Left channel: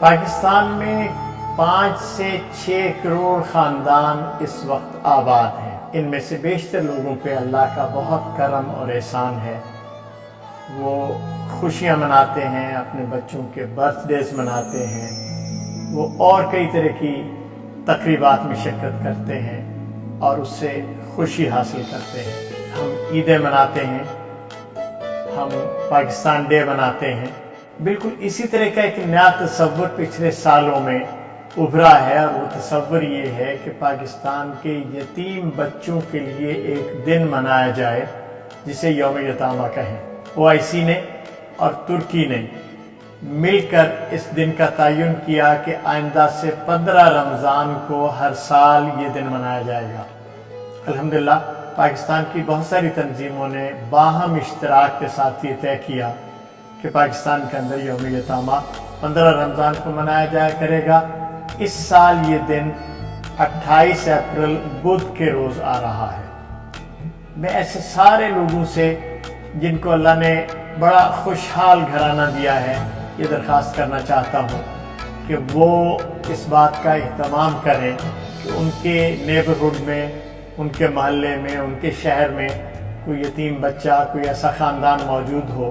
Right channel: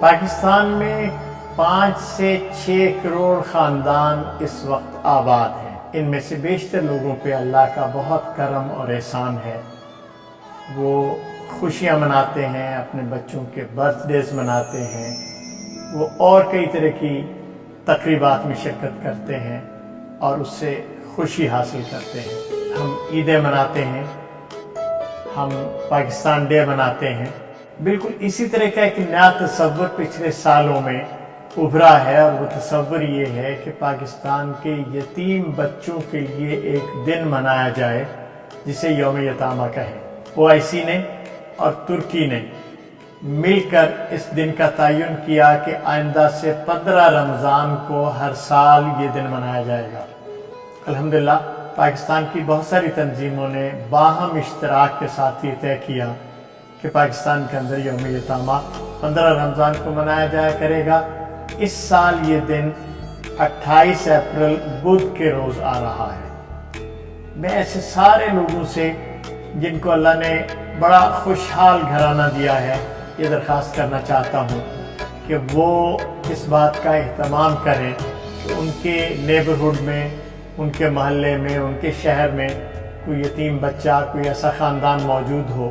پاکستان میں 5 سے 6 کروڑ خاندان اس وقت آباد ہیں۔ ان میں سے بیشتر لوگوں پہ اللہ کا بہت کرم اور احسان ہے۔ وہ خوشیاں مناتے ہیں، اپنے بچوں کے برتھ ڈیز مناتے ہیں، وہ اور کئی طرح کی تقریبات میں شرکت کرتے ہیں اور اس سے خوشی حاصل کرتے ہیں۔ ہم عیدیں مناتے ہیں، ہم پاکستان ڈے مناتے ہیں۔ بالکل اسی طرح کا ایک نیا تصور پچھلے سالوں میں ابھرا ہے، اور وہ تصور یہ ہے کہ پاکستان کے یتیم بچوں کے لیے ایک دن منایا جائے جسے یوم یتامہ کہیں۔ OIC نے اور ترکی نے مل کر اس دن کا تعین کیا کہ آئندہ سے 15 رمضان کو ہر سال یہ دن منایا جائے گا۔ الحمدللہ پاکستان کی بہت ساری تنظیموں نے باہم اشتراک کے ساتھ یہ طے کیا کہ پاکستان کے اندر یوم یتامہ 15 رمضان کو منایا جایا کرے گا۔ اس سال یہ دن 28 اپریل بدھ کے روز آ رہا ہے۔ میں ایسے سارے لوگوں سے جن کو اللہ نے بڑا خوشحال گھرانہ دیا ہے یہ درخواست کرنا چاہتا ہوں کہ وہ اس بات کا اہتمام کریں کہ ان کے نیبرہڈ میں، ان کے محلے میں، ان کے شہر میں کوئی یتیم بچہ، کوئی ایسا خاندان موجود ہو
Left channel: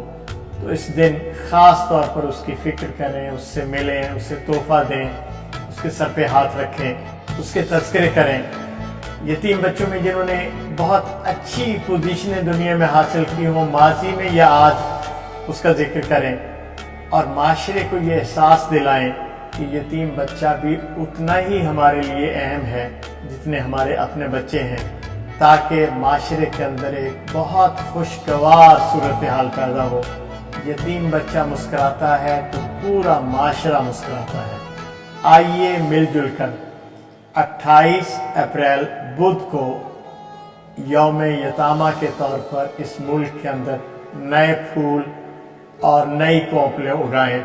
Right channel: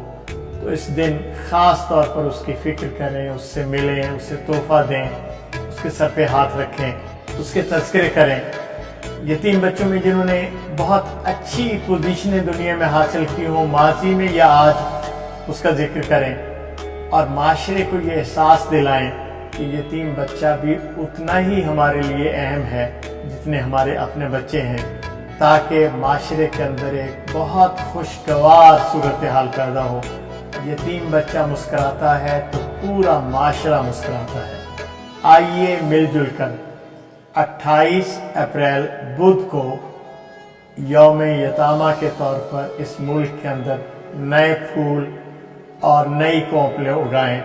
تو اس دن خاص طور پر اس کی فکر کریں، اس سے ملیں، اسے تحفہ دیں، اس کے سر پہ ہاتھ رکھیں، اس کے تذکرے کریں۔ یتیم بچوں میں جنہوں نے بہت اچھی پوزیشنیں دنیا میں حاصل کی ہوں ماضی میں یا آج، اس کا ذکر کریں اور معاشرے کو یہ احساس دلائیں کہ یتیم بچہ بھی اتنا ہی ہمارے لیے اہم ہے جتنے ہمارے اپنے بچے ہیں، تاکہ معاشرے کے اندر ایک بہت خوشگوار صورتحال پیدا ہو۔ یتیم بچہ مسکراتا ہے تو پورا معاشرہ مسکراتا ہے۔ آئیے مل جل کر 28 اپریل بدھ کو یوم یتامہ کے طور پر اس ملک کے اندر نئے پھول اور نئی کونپلیں اگائیں۔